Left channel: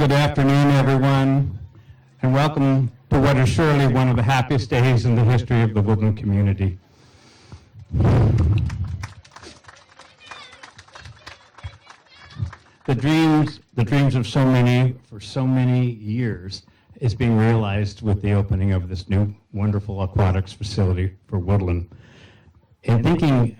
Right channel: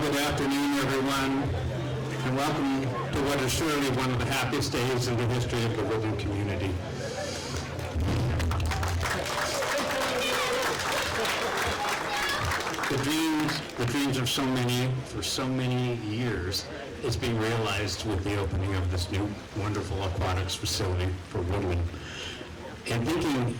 Good afternoon, everyone, and welcome to what is surely one of the happiest days in the history of the Woodland community. The dreams of so many, for so many years, is being realized with the opening of this new wonderful aquatics facility for Woodland. And thinking,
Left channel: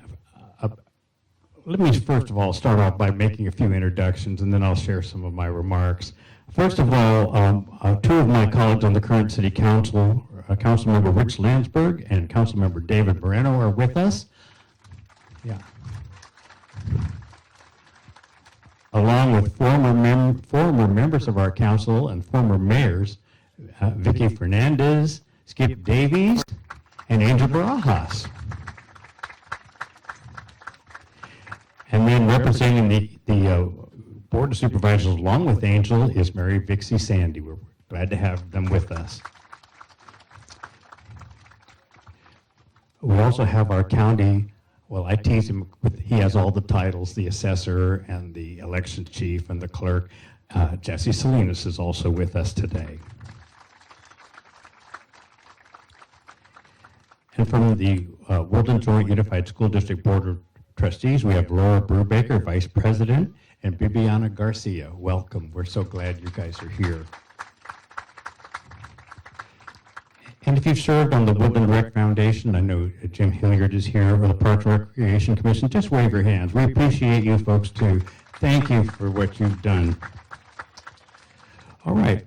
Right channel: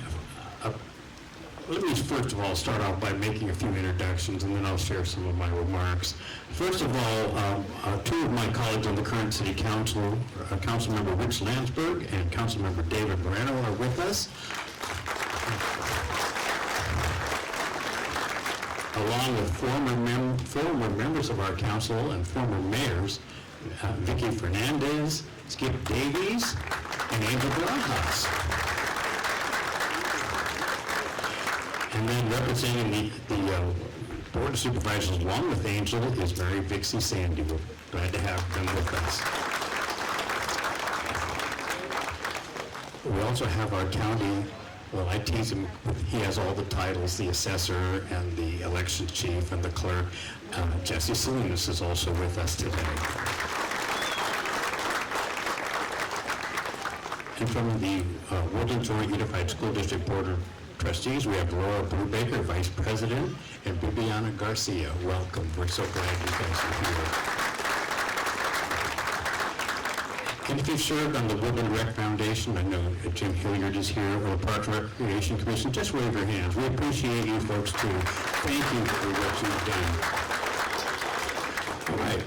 let me first of all start off by making a few introductions, and then I'll share some of my remarks. First of all, two of my colleagues on the current City Council, Councilmember Rich Landsberg and Councilmember David Moreno, are with us, along with former members of our council and former mayors, Vicky Fernandez, Skip Davies, and Angel Barajas. And then representing the Board of Supervisors along with Angel is Mary Vixie Sandy. We're glad to have them with us. We also have our county, well, I tease him, he has all the titles, the assessor and the election chief and the clerk. Jesse Salinas is also with us today. And from the Woodland Joint Unified School District Board of Trustees, we have Laura Brubaker, Vice President, and Bibiana Garcia. Welcome. We're so glad you guys are here. And if you've served on the Woodland Rec Foundation, I know Jim Hilliard is here, or the Park Recreation Commission, just wave your hands. We appreciate you folks too. Thank you for what you've done. All right.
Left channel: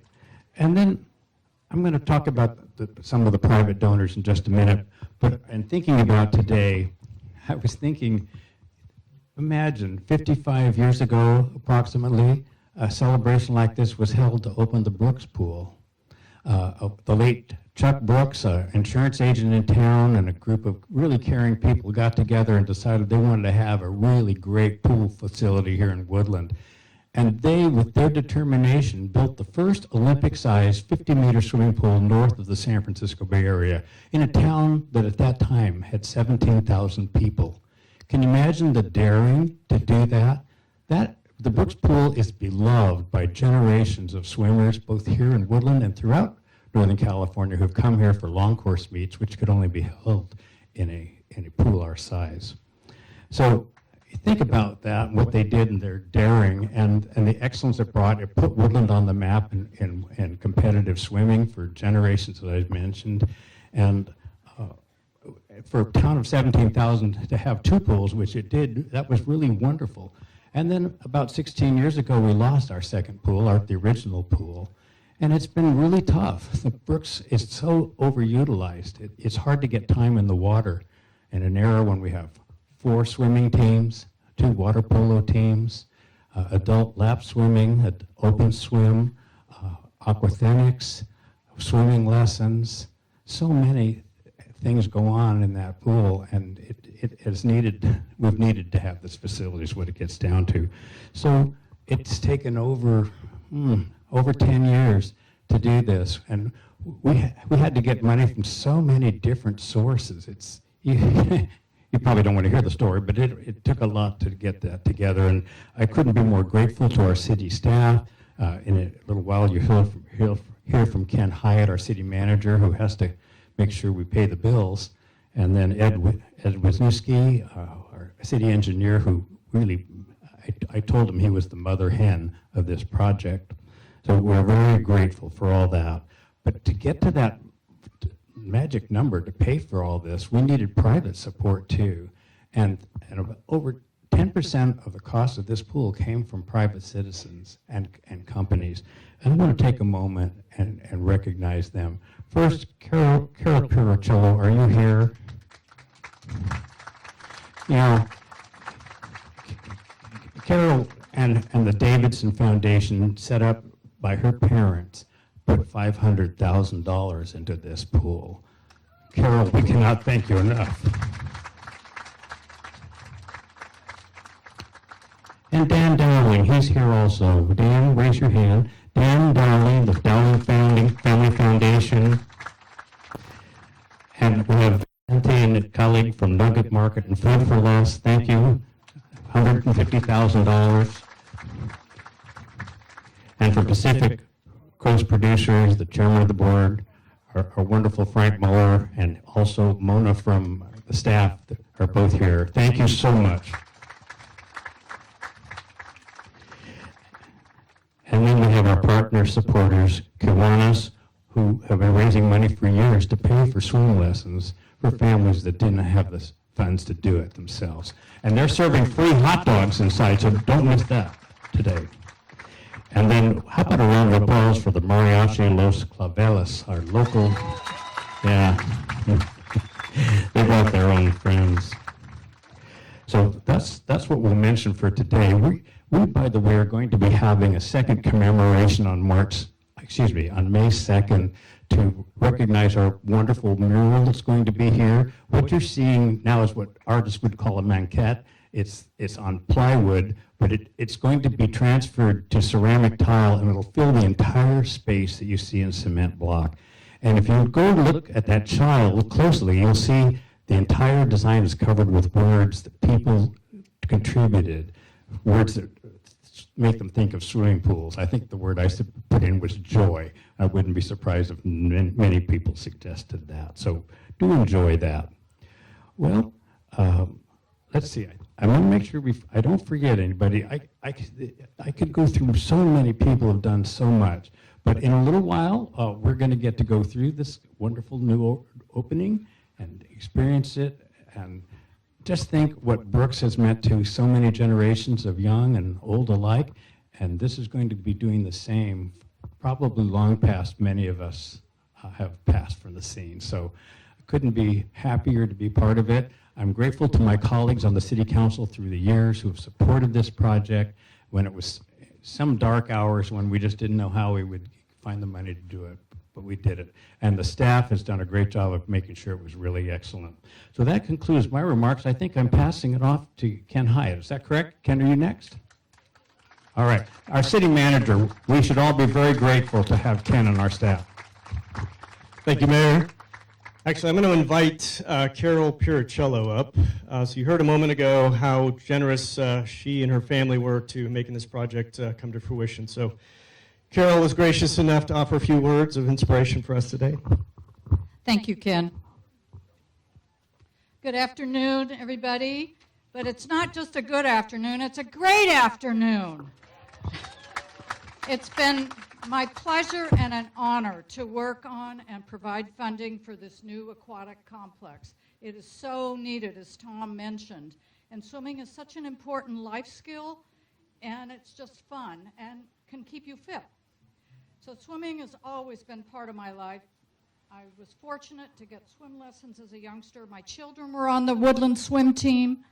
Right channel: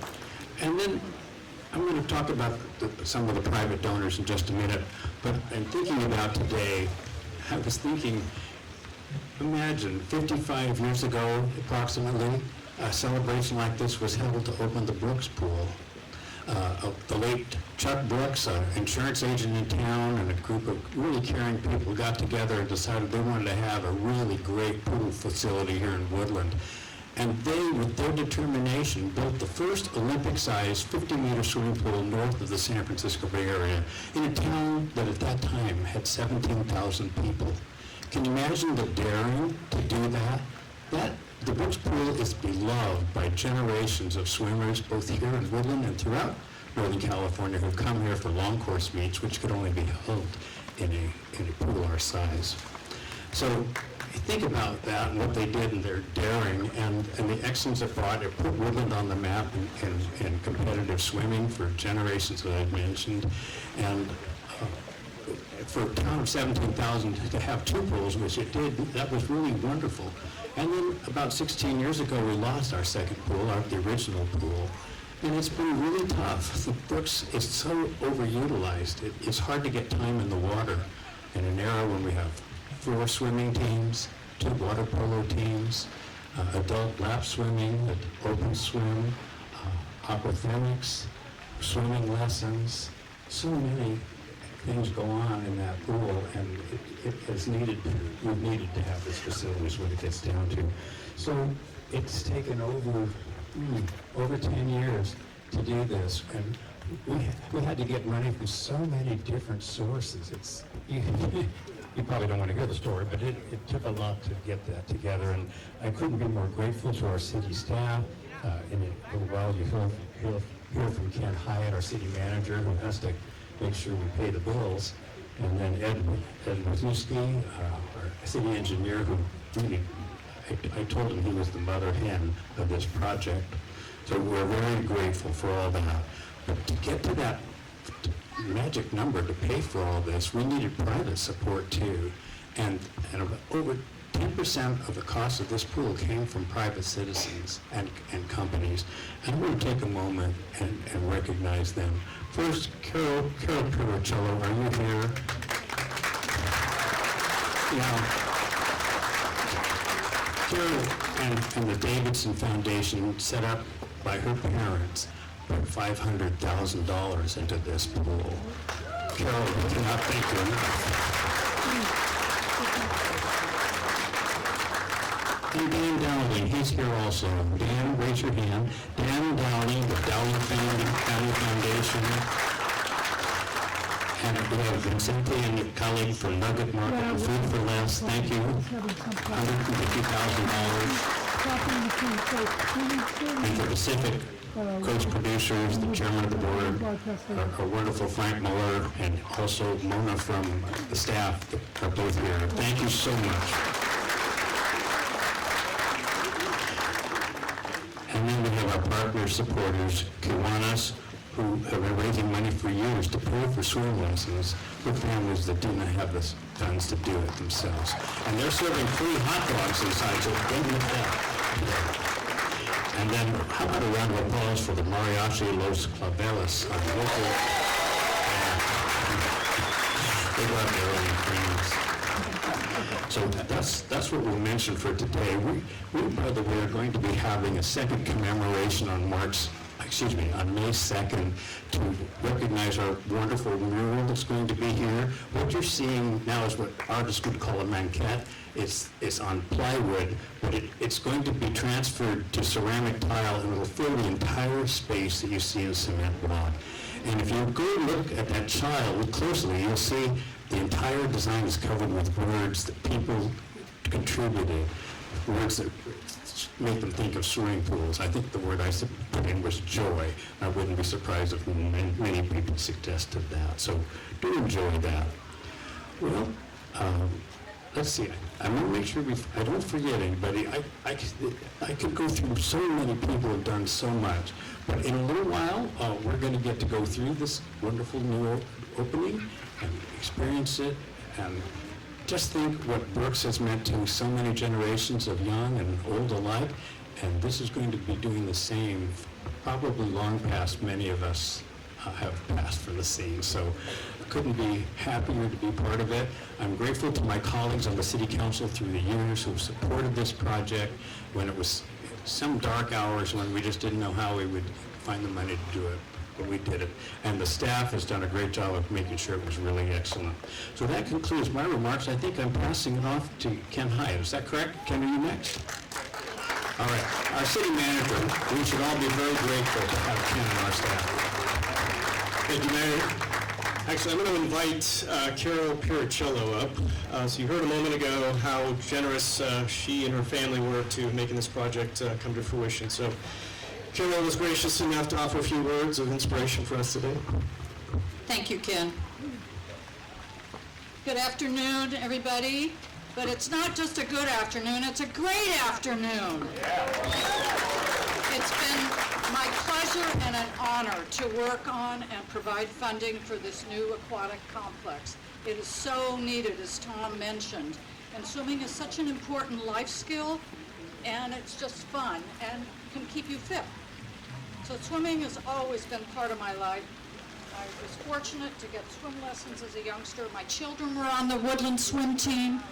And then I'm going to talk about some of the private donors in just a minute. But I'm thinking about today, I was thinking, imagine 55 years ago, approximately, a celebration like this was held to open the Brooks Pool. The late Chuck Brooks, an insurance agent in town, and a group of really caring people got together and decided they wanted to have a really great pool facility here in Woodland. And they, with their determination, built the first Olympic-sized 50-meter swimming pool north of the San Francisco Bay Area in a town that at that time had 17,000 people. Can you imagine the daring to do that? The Brooks Pool is beloved by generations of swimmers, both here in Woodland and throughout Northern California, who've come here for long course meets, which could only be held in a pool our size. So think about that, and what they did and their daring, and the excellence it brought. It put Woodland on the map in competitive swimming for generations that I've mentioned. And for a town of 17,000 to have two pools, which it did, that was really wonderful. And then about 16 years ago, we lost our second pool, the original pool. And it's been really tough. The Brooks is so overutilized. It's hard to get time in the water in an era when we have 4 swimming teams, 2 water polo teams, adult lap swimming, open swim, aquathenics, swimming lessons. So many things go on in that pool, and we've needed to have this facility is what it gets down to. So it's taken over 10 years to do this, and we had to get money from so many different sources. You probably don't want to hear the story, but it took a lot to get that together, and I couldn't be more grateful to our city staff. In a little while, you'll hear from Ken Hyatt, our city manager, who has to make sure we pay the bills, and then Ed Wisniewski, our city engineer, who really, I told him he was the mother hen of this project. So we're very grateful for all that. But to get to that magic number to pay for all this, we needed private support too. And over 10% of the cost of this pool came from private citizens and companies. And I want to take a moment and recognize them. First, Carol Turocciolo, are you here? You know, Carol and the Davidson Foundation, set up by her parents, put $500,000 into this pool. Carol, we cannot thank you enough. And Dan Dowling, he's here also. Dan, raise your hand. Dan Dowling, the Dowling Family Foundation. And we have Cynthia and a colleague from Nugget Market and Food for Less. Thank you. $150,000. And for Pacific Coast Producers, the chairman of the board, our wonderful Frank Muller, and also Mona from the staff that are both here. Thank you so much. And then we have our partner supporters, Kiwanis, who have been raising money for years to pay for swimming lessons for families that didn't have the funds to do it themselves. And they're serving free hot dogs inside, so don't miss that today. And then, how about a round of applause for the Mariachi Los Claveles, our local, they got their own friends. So that's what we'll mention for today. We, by the way, are going to be having a second commemoration on May 2nd to recognize our wonderful mural that's going to be here. What you're seeing now is what artists would call a maquette. It's on plywood, but it's going to be transferred to ceramic tile, and it will fill the entire space that you see in cement block. And if you go look at that child, look closely, you'll see the entire design is covered with words that people contributed, words that make them think of swimming pools. I think the word I put in was joy. I wouldn't be surprised if many people suggested that. So do enjoy that. Well, let's see. I want to make sure I don't forget anybody. I could go through so many people who have done so much. But in a little while, we're going to get to go through this wonderful new opening and experience it, and just think what Brooks has meant to so many generations of young and old alike, and this is going to be doing the same, probably long past many of us have passed for the scene. So I couldn't be happier to be part of it. I'm grateful to my colleagues on the City Council through the years who have supported this project when it was some dark hours when we just didn't know how we would find the money to do it. But we did it. And the staff has done a great job of making sure it was really excellent. So that concludes my remarks. I think I'm passing it off to Ken Hyatt. Is that correct? Ken, are you next? All right, our city manager, we should all be very grateful to have Ken on our staff. Thank you, Mayor. Actually, I'm going to invite Carol Piricello up. So you heard a moment ago how generous she and her family were to making this project come to fruition. So Carol was gracious enough to offer a few words of inspiration for us today. Thank you, Ken. Good afternoon, everybody. But it's not just a good afternoon, it's a great afternoon. It's been my pleasure and an honor to work on and provide funding for this new aquatic complex. It is so needed, as Tom mentioned. And swimming is such an important life skill, and it's just fun and can keep you fit. So swimming has always been part of my life. I was fortunate to get swim lessons as a youngster. My children were on the Woodland swim team,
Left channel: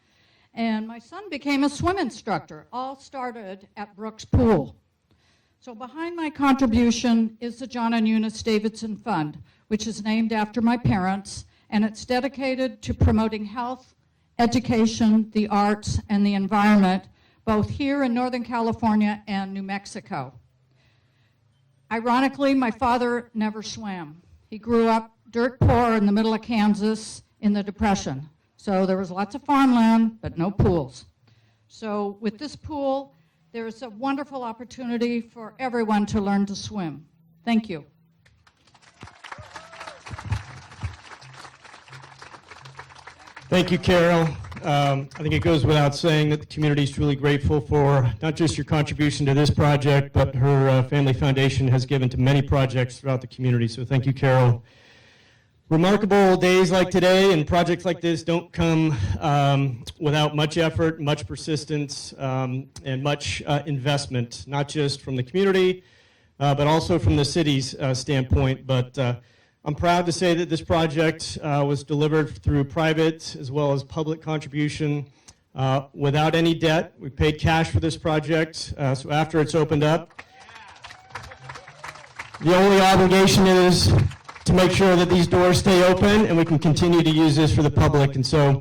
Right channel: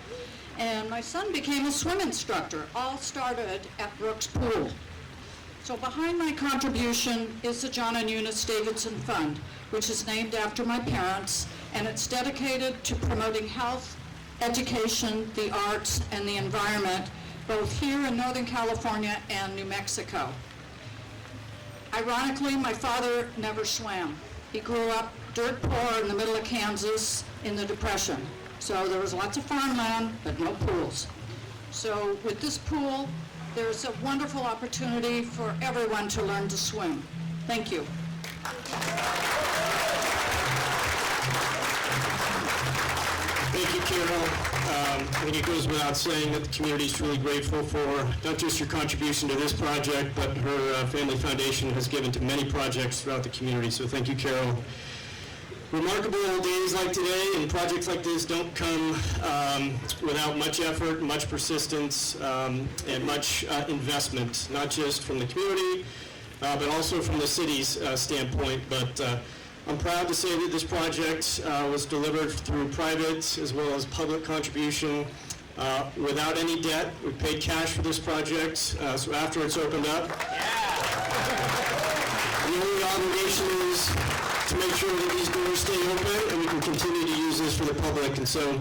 and my son became a swim instructor. All started at Brooks Pool. So behind my contribution is the John and Eunice Davidson Fund, which is named after my parents, and it's dedicated to promoting health, education, the arts, and the environment, both here in Northern California and New Mexico. Ironically, my father never swam. He grew up dirt poor in the middle of Kansas in the Depression. So there was lots of farmland, but no pools. So with this pool, there's a wonderful opportunity for everyone to learn to swim. Thank you. Thank you, Carol. I think it goes without saying that the community is truly grateful for not just your contribution to this project, but her family foundation has given to many projects throughout the community. So thank you, Carol. Remarkable days like today and projects like this don't come without much effort, much persistence, and much investment, not just from the community, but also from the city's standpoint. But I'm proud to say that this project was delivered through private as well as public contribution without any debt. We paid cash for this project, so after it's opened up, the only obligation is to make sure that these doors stay open and we can continue to use this for the public. And so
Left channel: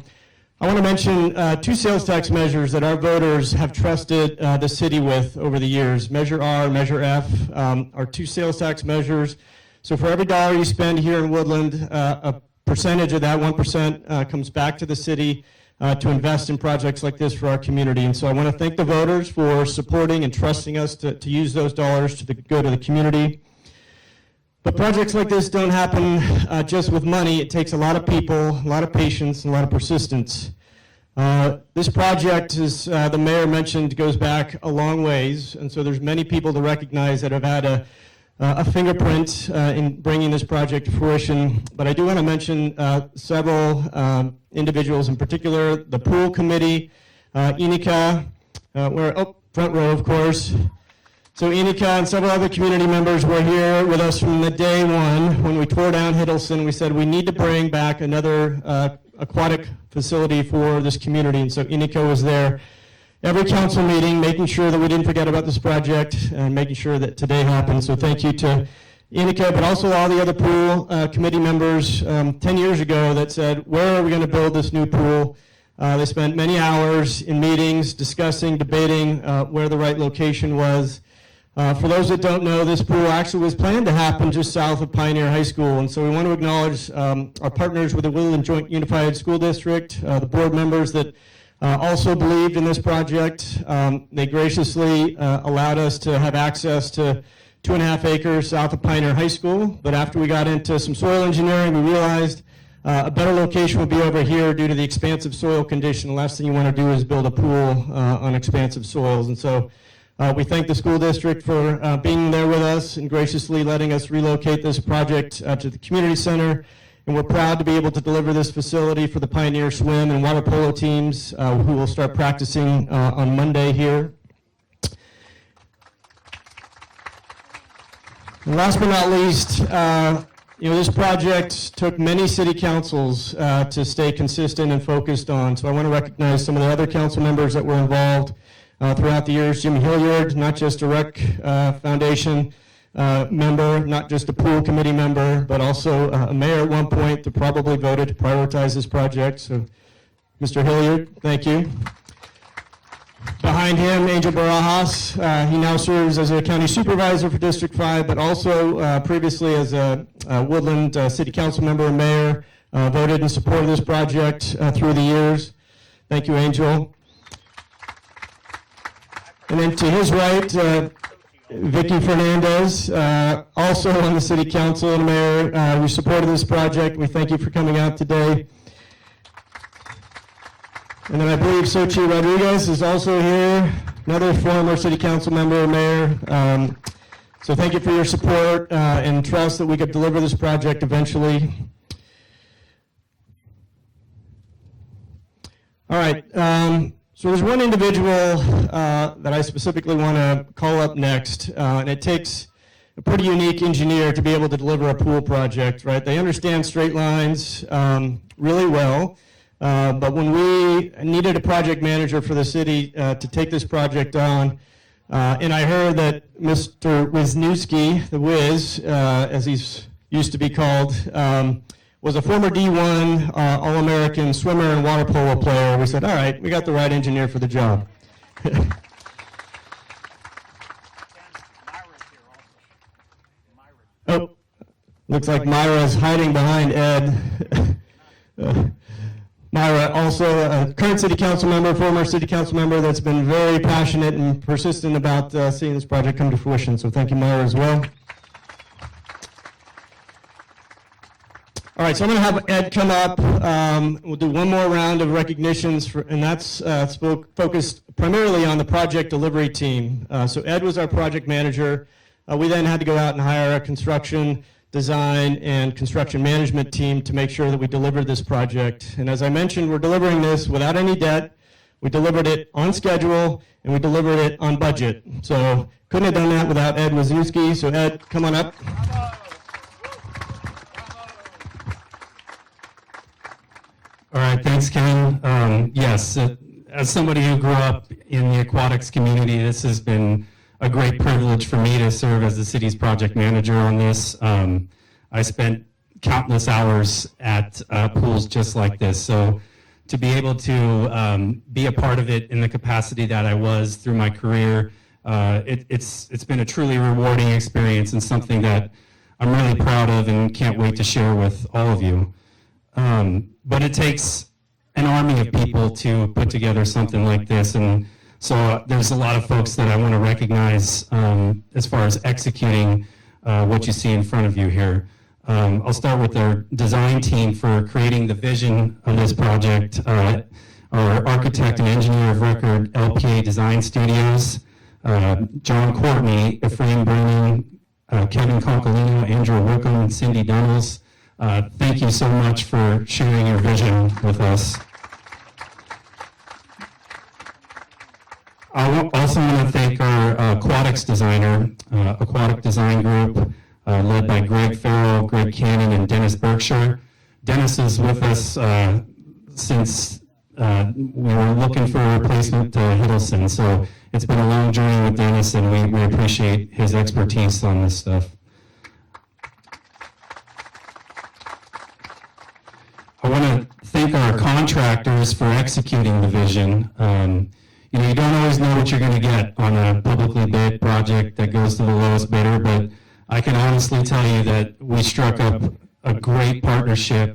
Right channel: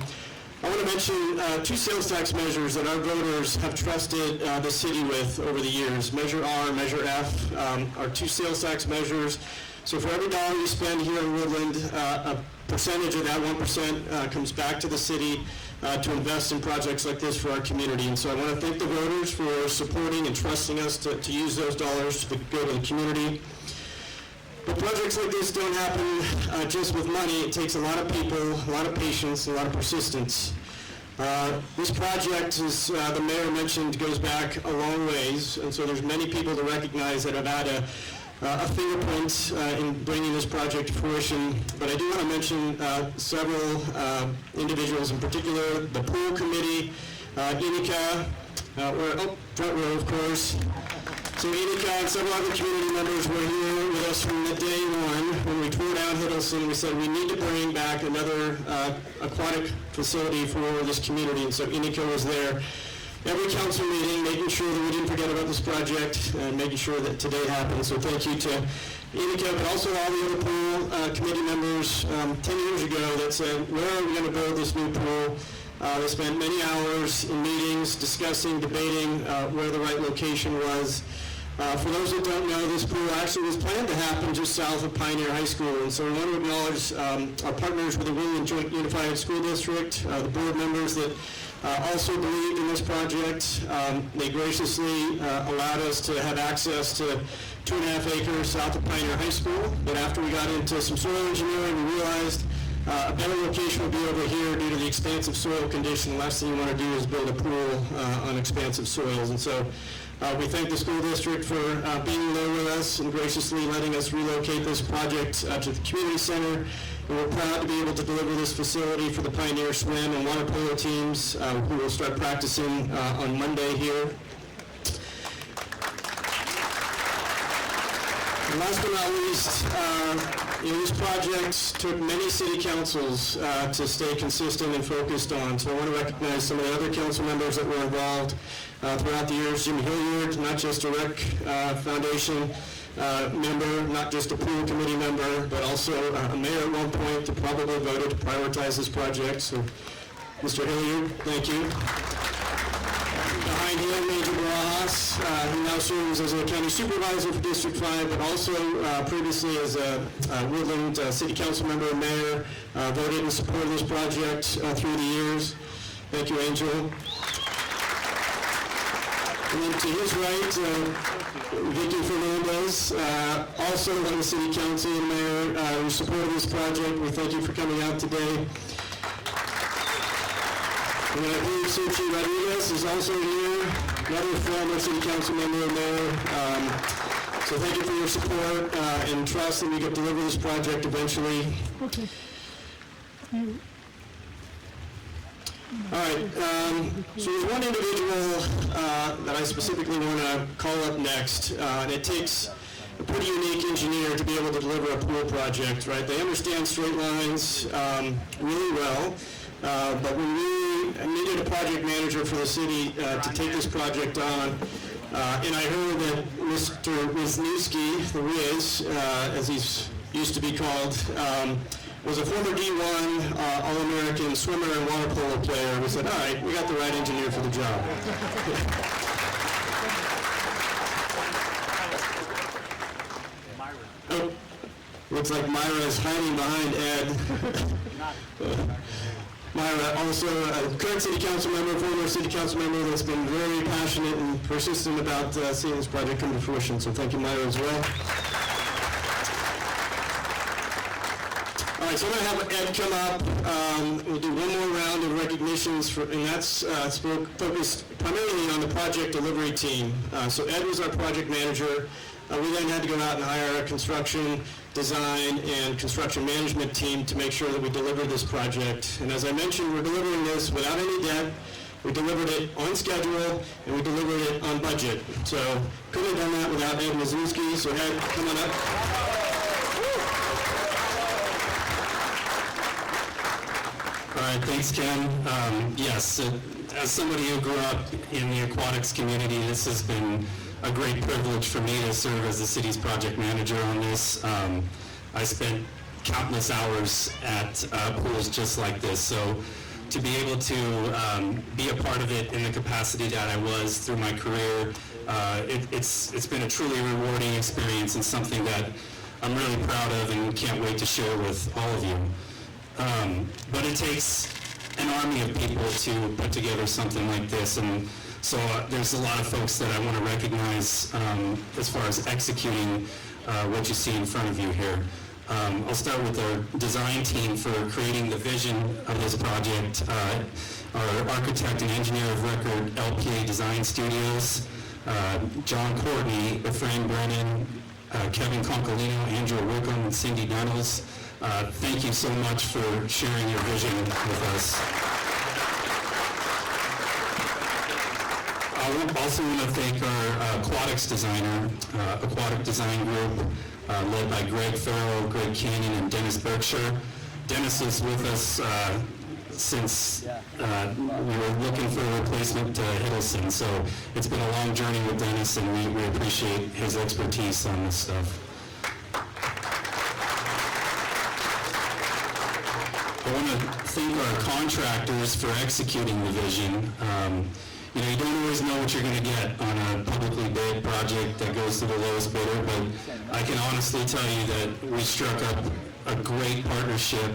I want to mention two sales tax measures that our voters have trusted the city with over the years. Measure R and Measure F are two sales tax measures. So for every dollar you spend here in Woodland, a percentage of that, 1%, comes back to the city to invest in projects like this for our community. And so I want to thank the voters for supporting and trusting us to use those dollars to go to the community. But projects like this don't happen just with money. It takes a lot of people, a lot of patience, and a lot of persistence. This project, as the mayor mentioned, goes back a long ways, and so there's many people to recognize that have had a fingerprint in bringing this project to fruition. But I do want to mention several individuals in particular: the pool committee, Inika, front row, of course. So Inika and several other community members were here with us from the day one when we tore down Hiddleston. We said we need to bring back another aquatic facility for this community, and so Inika was there every council meeting, making sure that we didn't forget about this project and making sure that today happened. So thank you to Inika, but also all the other pool committee members 10 years ago that said, where are we going to build this new pool? They spent many hours in meetings discussing, debating where the right location was. For those that don't know, this pool actually was planned to happen just south of Pioneer High School, and so we want to acknowledge our partners with the Woodland Joint Unified School District, the board members that also believed in this project. They graciously allowed us to have access to 2.5 acres south of Pioneer High School, but after we got into some soil engineering, we realized a better location would be over here due to the expansive soil condition. The last thing you want to do is build a pool on expansive soils, and so we thank the school district for being there with us and graciously letting us relocate this project to the community center. And we're proud to be able to deliver this facility for the Pioneer Swim and water polo teams who will start practicing on Monday here. And last but not least, this project took many city councils to stay consistent and focused on. So I want to recognize some of the other council members that were involved throughout the years. Jimmy Hilliard, not just a rec foundation member, not just a pool committee member, but also a mayor at one point that probably voted to prioritize this project. So Mr. Hilliard, thank you. Behind him, Angel Barajas. He now serves as a county supervisor for District 5, but also previously as a Woodland City Council member and mayor, voted in support of this project through the years. Thank you, Angel. And then to his right, Vicky Fernandez, also on the City Council and mayor, who supported this project. We thank you for coming out today. And then I believe Sochi Rodriguez is also here, another former City Council member and mayor. So thank you for your support and trust that we could deliver this project eventually. All right, so there's one individual that I specifically want to call up next, and it takes a pretty unique engineer to be able to deliver a pool project, right? They understand straight lines really well, but when we needed a project manager for the city to take this project on, and I heard that Mr. Wisniewski, the Wiz, as he's used to be called, was a former D1 All-American swimmer and water polo player. We said, all right, we got the right engineer for the job. Oh, looks like Myra's hiding behind Ed. Myra, also a current city council member, former city council member that's been very passionate and persistent about seeing this project come to fruition. So thank you, Myra, as well. All right, so I'm going to have Ed come up. We'll do one more round of recognitions, and that's focused primarily on the project delivery team. So Ed was our project manager. We then had to go out and hire a construction, design, and construction management team to make sure that we delivered this project. And as I mentioned, we're delivering this without any debt. We delivered it on schedule, and we delivered it on budget. So couldn't have done that without Ed Wisniewski. So Ed, come on up. All right, thanks, Ken. Yes, as somebody who grew up in the aquatics community, this has been a great privilege for me to serve as the city's project manager on this. I spent countless hours at pools just like this, so to be able to be a part of it in the capacity that I was through my career, it's been a truly rewarding experience and something that I'm really proud of and can't wait to share with all of you. But it takes an army of people to put together something like this, and so there's a lot of folks that I want to recognize as far as executing what you see in front of you here. I'll start with our design team for creating the vision of this project. Our architect and engineer of record, LPA Design Studios, John Courtney, Ephraim Brennan, Kevin Concolino, Andrew Wickham, Cindy Dunnels. Thank you so much for sharing your vision with us. I also want to thank our aquatics designer, Aquatic Design Group, led by Greg Farrell, Greg Cannon, and Dennis Berkshire. Dennis is with us since we were looking for a replacement to Hiddleston, so it's been a long journey with Dennis, and we appreciate his expertise on this stuff. I want to thank our contractors for executing the vision. You don't always know what you're going to get on a publicly bid project that goes to the lowest bidder, but I can honestly tell you that we struck up a great partnership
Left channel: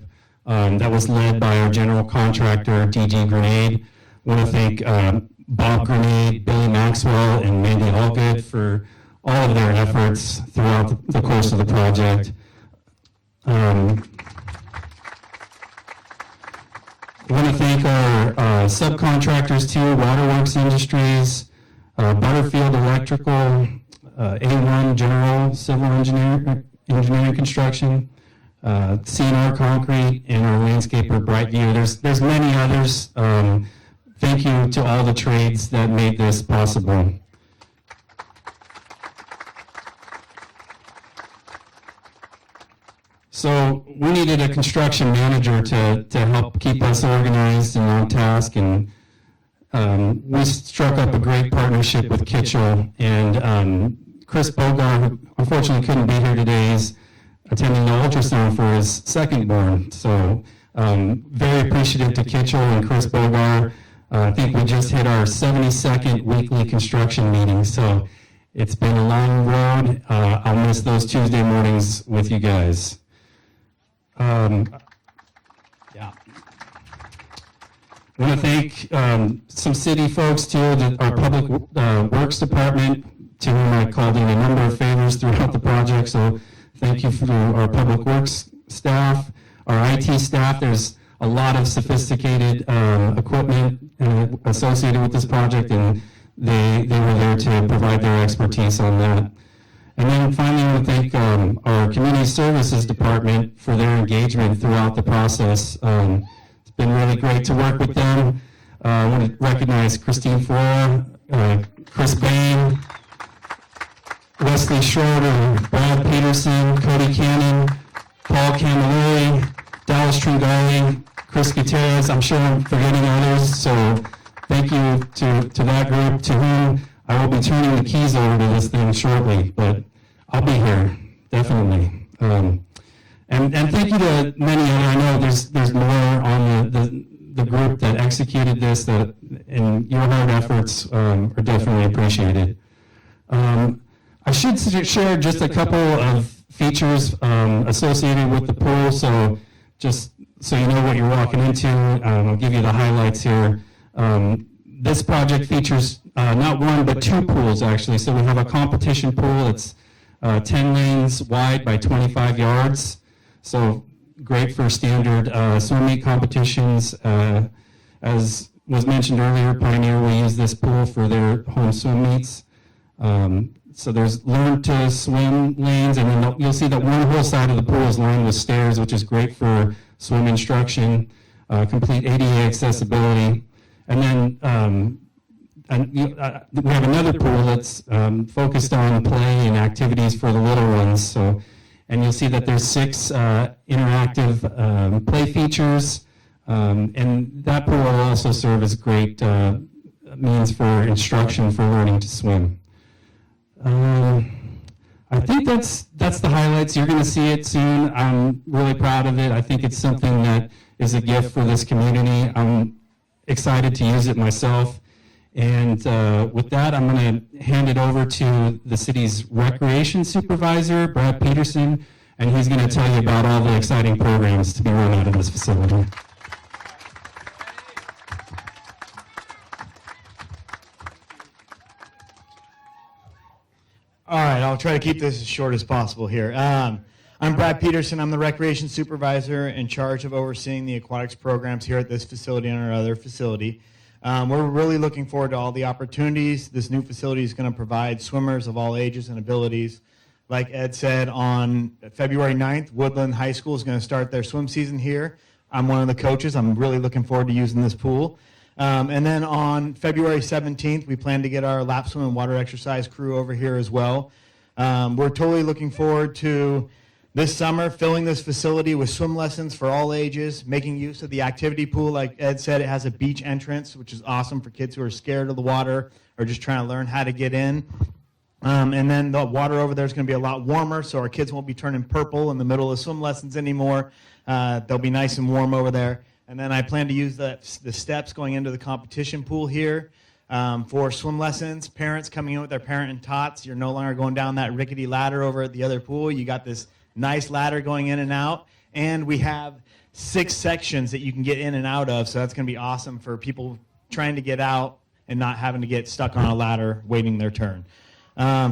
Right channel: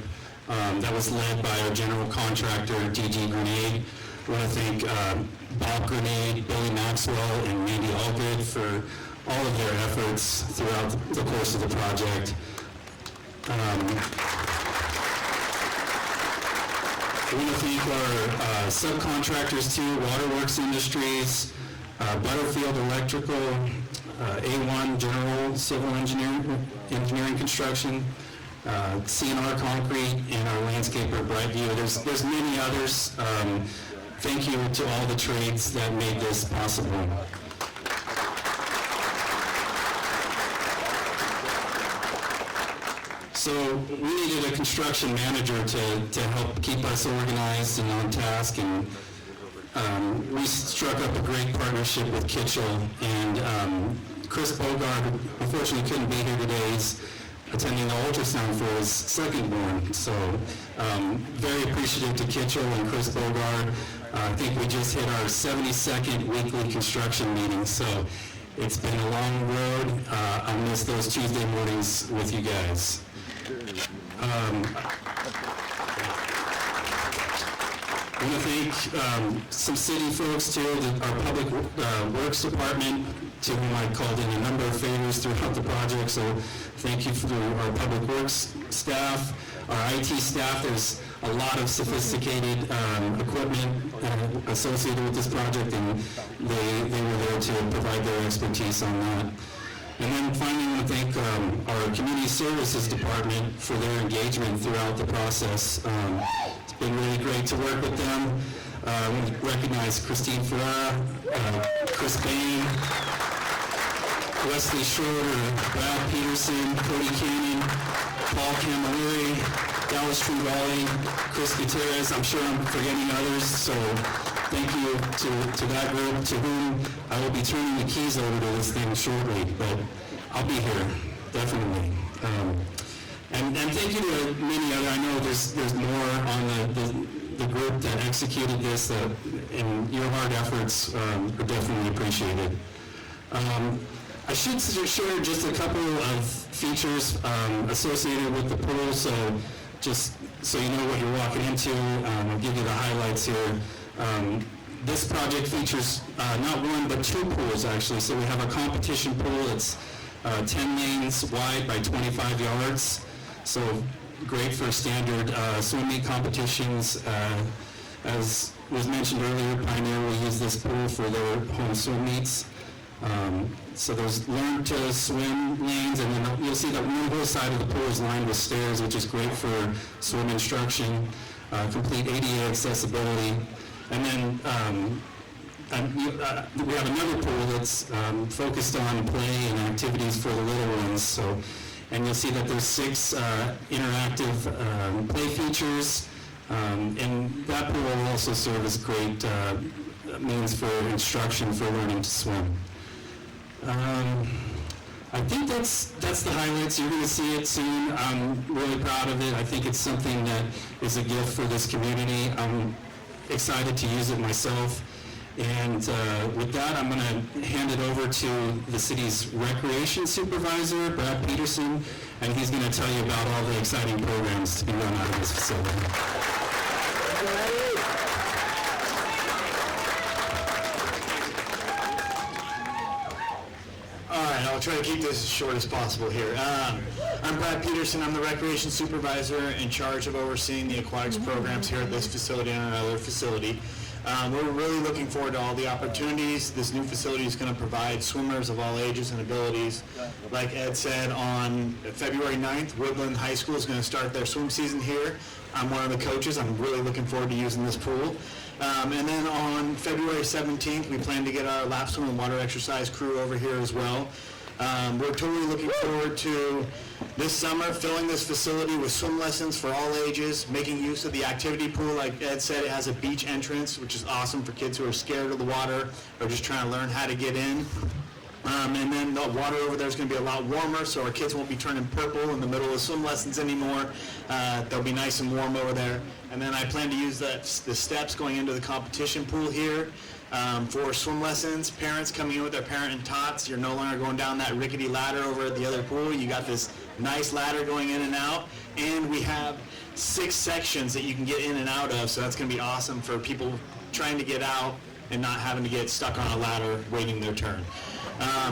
that was led by our general contractor, DG Grenade. I want to thank Bob Grenade, Billy Maxwell, and Mandy Allgood for all of their efforts throughout the course of the project. I want to thank our subcontractors too, Waterworks Industries, Butterfield Electrical, A1 General Civil Engineering Construction, CNR Concrete, and our landscaper Brightview. There's many others. Thank you to all the trades that made this possible. So we needed a construction manager to help keep us organized and on task, and we struck up a great partnership with Kitchell, and Chris Bogart, who unfortunately couldn't be here today, is attending the ultrasound for his second born. So very appreciative to Kitchell and Chris Bogart. I think we just hit our 72nd weekly construction meeting, so it's been a long road. I'll miss those Tuesday mornings with you guys. I want to thank some city folks too, our Public Works Department, to whom I called in a number of favors throughout the project, so thank you for our Public Works staff, our IT staff. There's a lot of sophisticated equipment associated with this project, and they were there to provide their expertise on that. And then finally, I want to thank our Community Services Department for their engagement throughout the process. It's been really great to work with them. I want to recognize Christine Flora, Chris Bain, Wesley Schroeder, Brad Peterson, Cody Cannon, Paul Camilleri, Dallas Tringali, Chris Gutierrez. I'm sure I'm forgetting others, so thank you to that group, to whom I will be turning the keys over to this thing shortly, but I'll be here, definitely. And thank you to many other, I know there's more on the group that executed this, and your hard efforts are definitely appreciated. I should share just a couple of features associated with the pool, so just so you know what you're walking into. I'll give you the highlights here. This project features not one but two pools actually. So we have a competition pool. It's 10 lanes wide by 25 yards. So great for standard swim meet competitions. As was mentioned earlier, Pioneer will use this pool for their home swim meets. So there's learn to swim lanes, and then you'll see that one whole side of the pool is lined with stairs, which is great for swim instruction, complete ADA accessibility. And then we have another pool that's focused on play and activities for the little ones. So, and you'll see that there's 6 interactive play features, and that pool will also serve as great means for instruction for learning to swim. I think that's the highlights. You're going to see it soon. I'm really proud of it. I think it's something that is a gift for this community. I'm excited to use it myself. And with that, I'm going to hand it over to the city's recreation supervisor, Brad Peterson, and he's going to tell you about all the exciting programs to be run out of this facility. All right, I'll try to keep this as short as possible here. I'm Brad Peterson. I'm the recreation supervisor in charge of overseeing the aquatics programs here at this facility and our other facility. We're really looking forward to all the opportunities this new facility is going to provide swimmers of all ages and abilities. Like Ed said, on February 9th, Woodland High School is going to start their swim season here. I'm one of the coaches. I'm really looking forward to using this pool. And then on February 17th, we plan to get our lap swim and water exercise crew over here as well. We're totally looking forward to this summer filling this facility with swim lessons for all ages, making use of the activity pool. Like Ed said, it has a beach entrance, which is awesome for kids who are scared of the water or just trying to learn how to get in. And then the water over there is going to be a lot warmer, so our kids won't be turning purple in the middle of swim lessons anymore. They'll be nice and warm over there. And then I plan to use the steps going into the competition pool here for swim lessons. Parents coming in with their parent and tots, you're no longer going down that rickety ladder over at the other pool. You got this nice ladder going in and out. And we have 6 sections that you can get in and out of, so that's going to be awesome for people trying to get out and not having to get stuck on a ladder waiting their turn.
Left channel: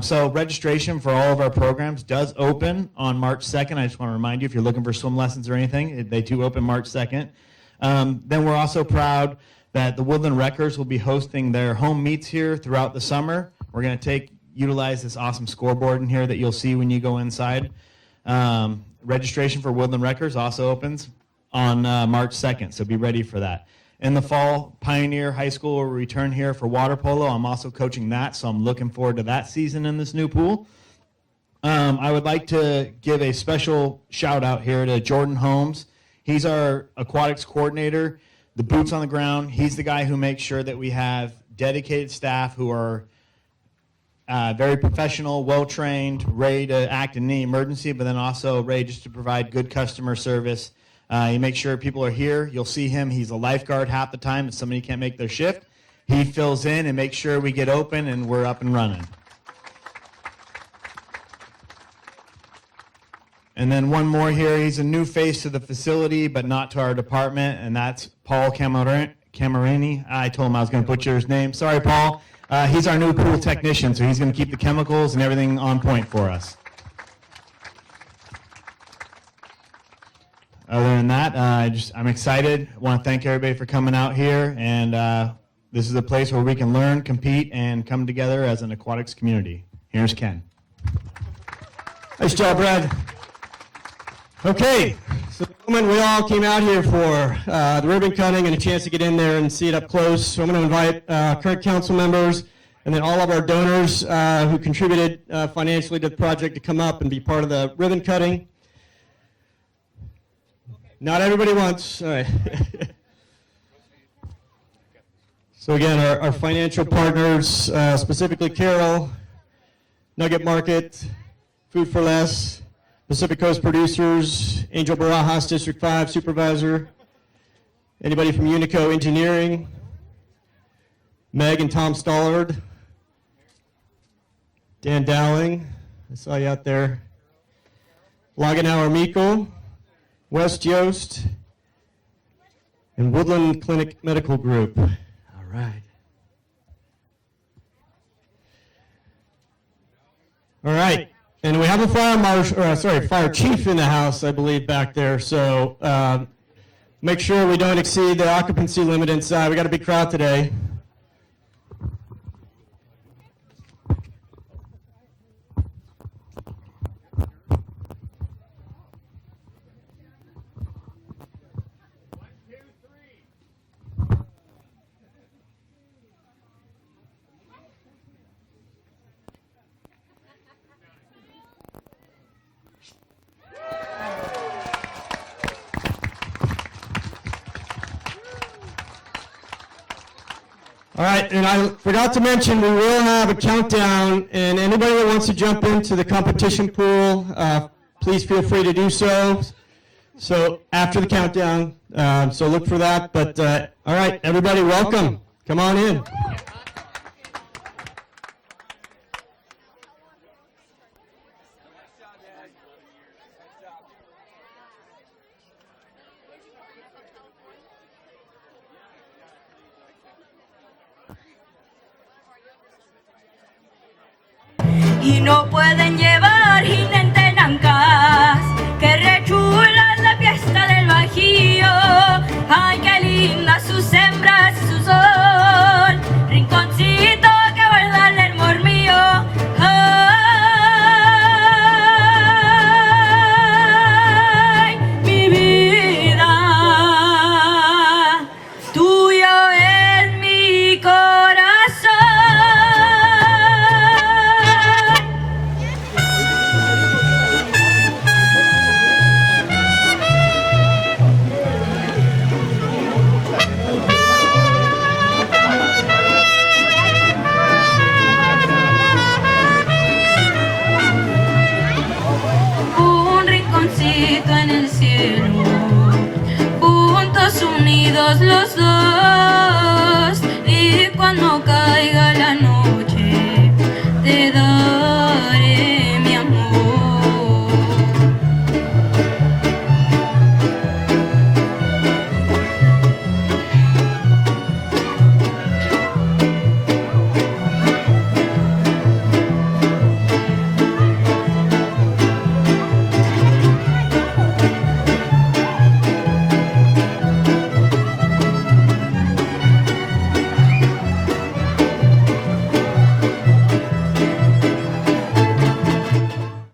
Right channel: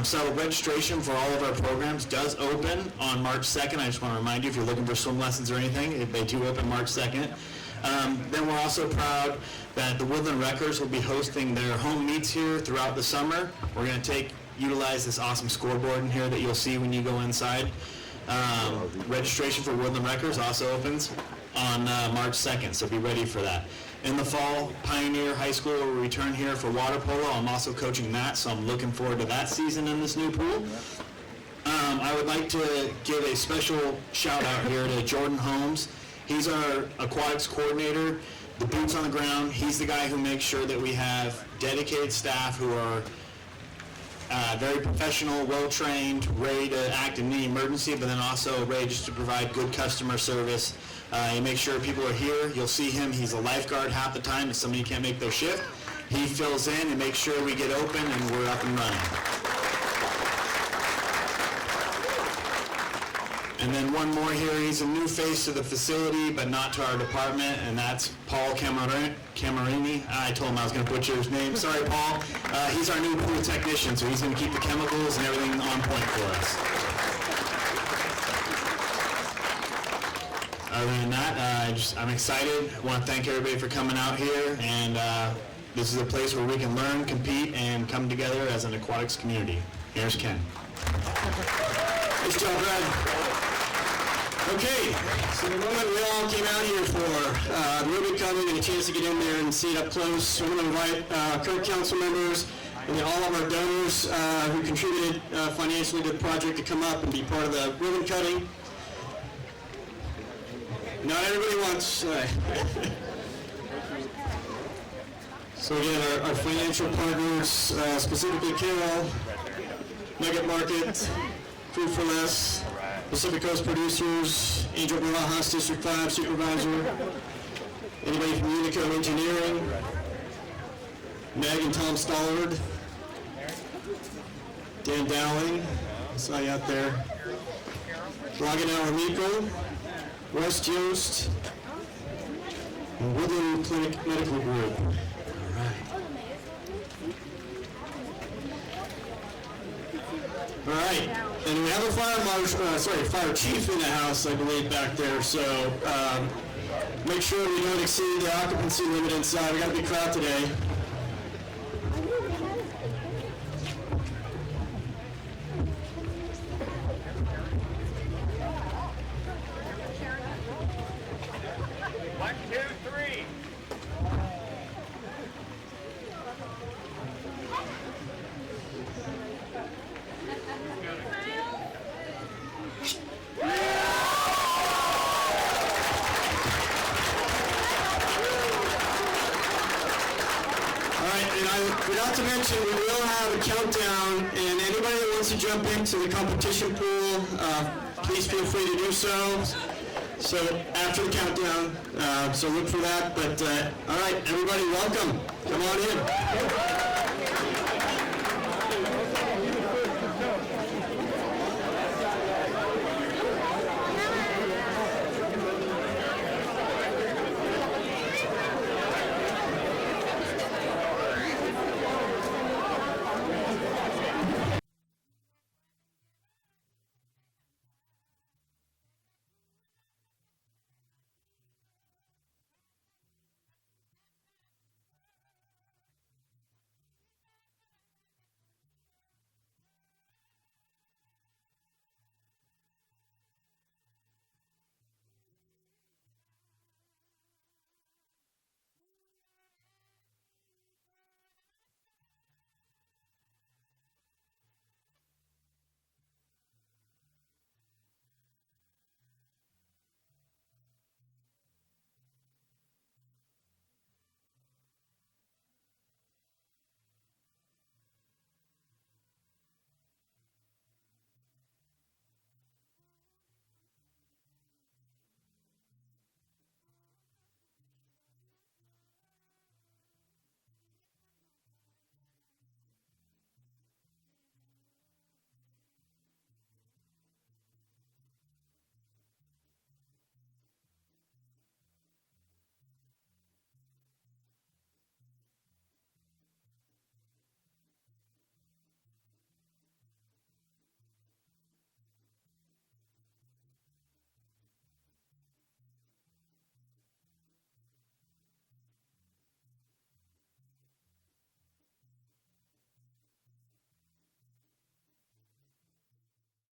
So registration for all of our programs does open on March 2nd. I just want to remind you, if you're looking for swim lessons or anything, they do open March 2nd. Then we're also proud that the Woodland Wreckers will be hosting their home meets here throughout the summer. We're going to utilize this awesome scoreboard in here that you'll see when you go inside. Registration for Woodland Wreckers also opens on March 2nd, so be ready for that. In the fall, Pioneer High School will return here for water polo. I'm also coaching that, so I'm looking forward to that season in this new pool. I would like to give a special shout out here to Jordan Holmes. He's our aquatics coordinator, the boots on the ground. He's the guy who makes sure that we have dedicated staff who are very professional, well-trained, ready to act in any emergency, but then also ready just to provide good customer service You make sure people are here. You'll see him. He's a lifeguard half the time if somebody can't make their shift. He fills in and makes sure we get open and we're up and running. And then one more here. He's a new face to the facility, but not to our department, and that's Paul Camarini. I told him I was going to butcher his name. Sorry, Paul. He's our new pool technician, so he's going to keep the chemicals and everything on point for us. Other than that, I'm excited. I want to thank everybody for coming out here, and this is a place where we can learn, compete, and come together as an aquatics community. Here's Ken. Nice job, Brad. Okay, so the moment we all came out here for the ribbon cutting and a chance to get in there and see it up close. So I'm going to invite current council members and then all of our donors who contributed financially to the project to come up and be part of the ribbon cutting. Not everybody wants. So again, our financial partners, specifically Carol, Nugget Market, Food for Less, Pacific Coast Producers, Angel Barajas, District 5 Supervisor, anybody from Unico Engineering, Meg and Tom Stollard, Dan Dowling, I saw you out there, Laganauer Miko, West Yost, and Woodland Clinic Medical Group. All right. And we have a fire chief in the house, I believe, back there. So make sure we don't exceed the occupancy limit inside. We got a big crowd today. All right, and I forgot to mention, we will have a countdown, and anybody that wants to jump into the competition pool, please feel free to do so. So after the countdown, so look for that. But all right, everybody, welcome. Come on in. Y no pueden llevar jinete nancas, que rechulan la fiesta del Bajío. Ay, qué linda sus hembras y su sol, rinconcito que guarda el hermor mío. Ay, mi vida, tuyo es mi corazón. En el cielo, juntos unidos los dos.